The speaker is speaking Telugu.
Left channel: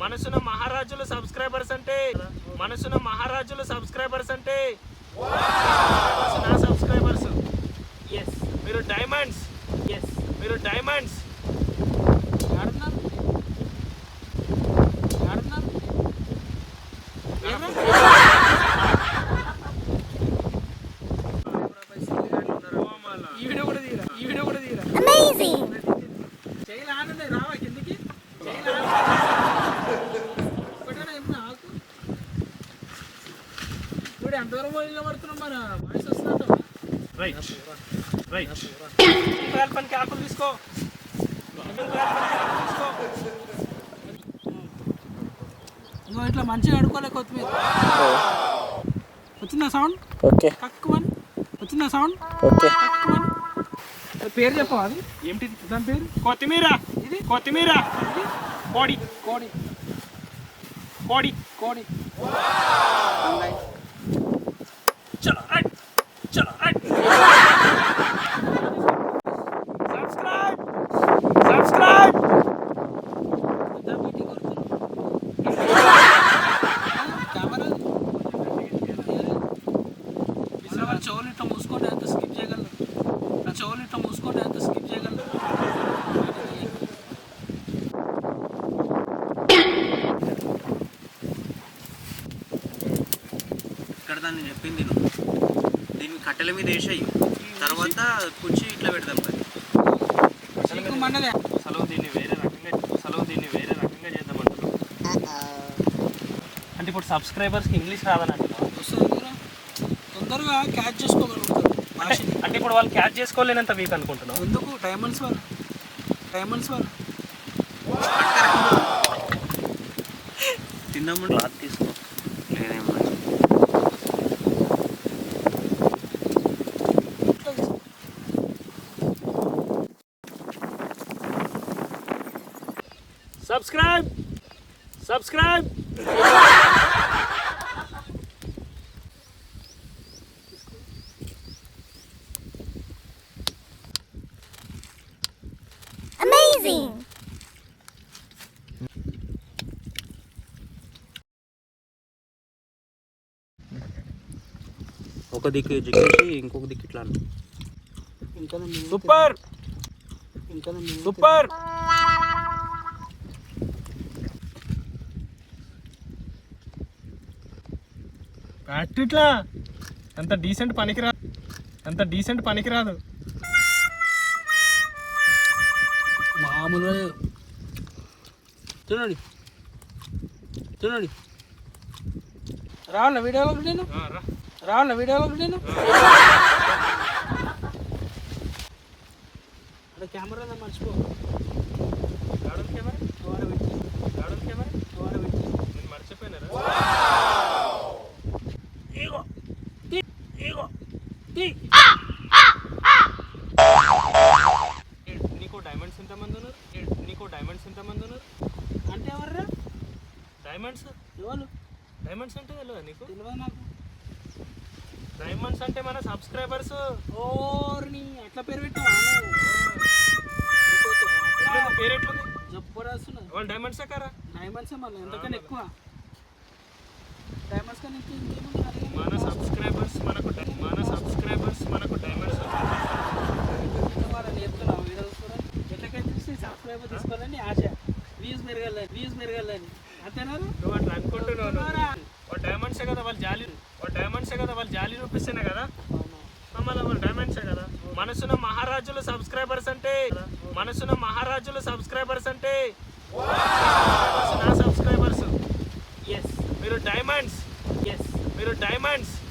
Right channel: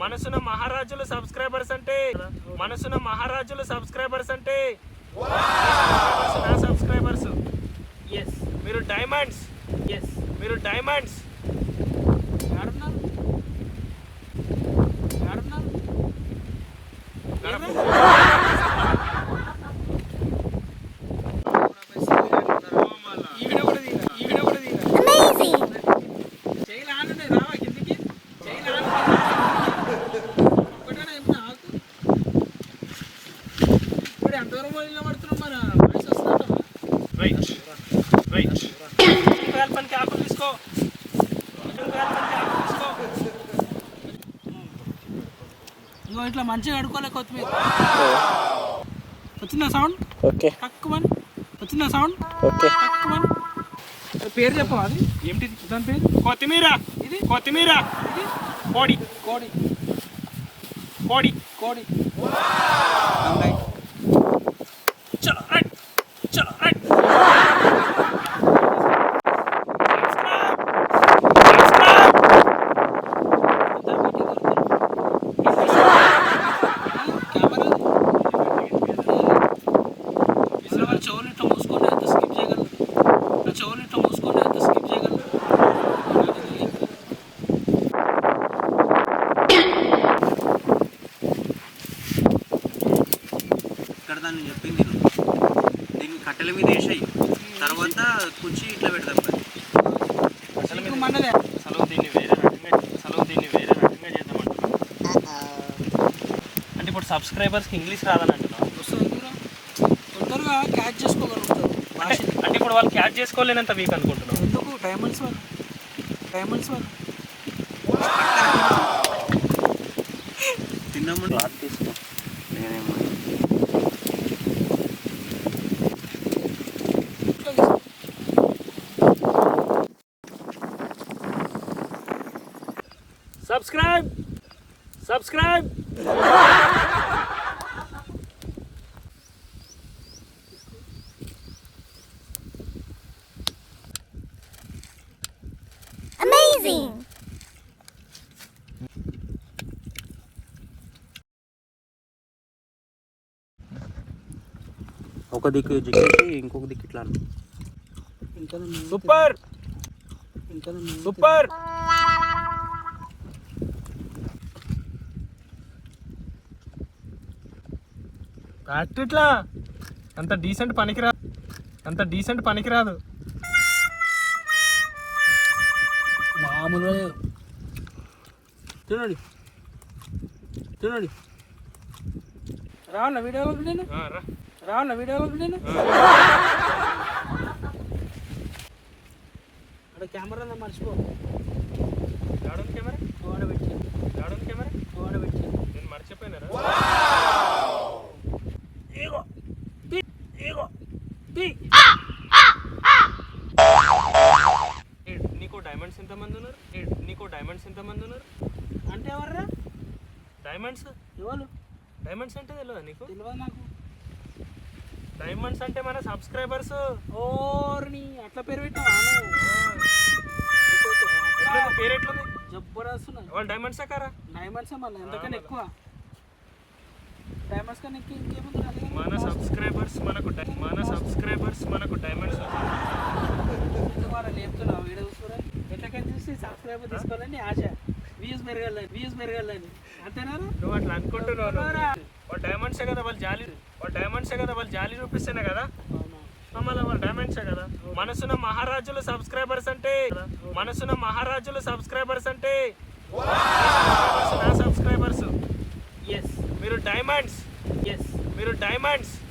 మనసున మహారాజులు సబ్స్క్రైబర్స్ అంటే? మనసున మహారాజులు సబ్స్క్రైబర్స్ అంటే? నా సబ్స్క్రైబర్స్. ఎస్ మీరు డైమండ్స్? ఎస్ మీరు డైమండ్స్? మొదలు పడుతున్నాం మన వాయిస్ వస్తుందంట రైట్ రైట్ రూపాయల పనికి ఆకులు తీసుకో. రెండు రూపాయల పనికి ఆకులు తీసుకో. ఇంకో ఇట్లా మంచిగా అడుకోలే కొత్తిమీర. వచ్చిందా సౌండ్ ఓకే. తక్కువని వచ్చిందా సౌండ్ ఓకే. తక్కువని పేరు చెప్పవా అది? ఏమిటిది? దాని పేరు? కొత్తిమీర. ఇది? కొత్తిమీర. ఇది? కోడి. కోడి. కోడి. కోడి. ఇక్కడ దాన్ని చెప్పింది నేను. దీన్ని కట్టెల మీద వేసాయి. తర్వాత కుర్చీ ఇట్లా పెడతాం మరి. అసలు దీన్ని వేరే రకంగా అసలు దీన్ని వేరే రకంగా చేద్దామంటున్నాను అంటే ఇప్పుడు సబ్స్క్రైబర్స్కి ఇంగ్లీష్ రాదని కదా. తొందరగా క్యాచ్ చేసుకోగలుగుతారు. అంటే ఇప్పుడు వాళ్ళు క్యాచ్ చేసుకోలేనంత వీక్ అనుకుంటున్నావు. ఎందుకు? డైమండ్స్ వాళ్ళు డైమండ్స్ వాళ్ళు తిన్నామని క్లాత్ సబ్స్క్రైబ్ సబ్స్క్రైబ్ Amazing! ఒక దిక్కు జిగేసి ఇంకొక దిక్కు ఇట్లా అను. ఇంకా నన్ను సూపర్ ఇంకా నన్ను సూపర్ ఇట్లా అంత డీసెంట్ పనికిరాదు అంత డీసెంట్ పనికిరాదు. మామూలుగా. తినండి. తినండి. రాళ్ళ వీడియోలోకి నేను ఆ, రా. రాళ్ళ వీడియోలోకి నేను అక్కడ కెమెరా మర్చిపో ఇగో నీకు డైమండ్స్ ఎంతమంది ఉన్నారు? నీకు డైమండ్స్ ఎంతమంది ఉన్నారు? అంటే ఎవర్రా? డైమండ్స్ ఎవరు? డైమండ్స్ అంటే తెలియదా నీకు? తెలియదు నాకు. డైమండ్స్ అంటే మన సబ్స్క్రైబర్స్ ఓర్ని అట్లా పేరు పెట్టావా పేరు ఎట్లుంది? జబర్దస్తున్నది వాళ్ళు డైమండ్సే కారా? డైమండ్స్ మళ్ళీ? ఎంతకన్నా ఎక్కువ డైమండ్స్ కన్నా ఎక్కువ ఇంకేముంది నా దగ్గర? మన సబ్స్క్రైబర్స్ మనకు డై- మన సబ్స్క్రైబర్స్ మనకు డైమండ్స్ ఎందుకు వాళ్ళని చెప్తున్నావు? వీడియో చూసుకోరని ఎట్లకైనా చూసి సబ్స్క్రైబర్ తీసుకోవాలని ఆశ. వ్యూస్ పెరగాలని వ్యూస్ పెరగాలని అంతేనా? నువ్వు అట్లా అనుకుంటున్నావు నువ్వు. వాళ్ళు డైమండ్సే కదా వాళ్ళు జాలి వాళ్ళు డైమండ్సే కదా వాళ్ళు జాలి చూపిస్తేనే కదా? వాళ్ళు డైమండ్సే కదా? మనసున మహారాజులు సబ్స్క్రైబర్స్ అంటే మనసున మహారాజులు సబ్స్క్రైబర్స్ అంటే నా సబ్స్క్రైబర్స్ మీరు డైమండ్స్ ఎస్ మీరు డైమండ్స్ ఆడుతున్నారు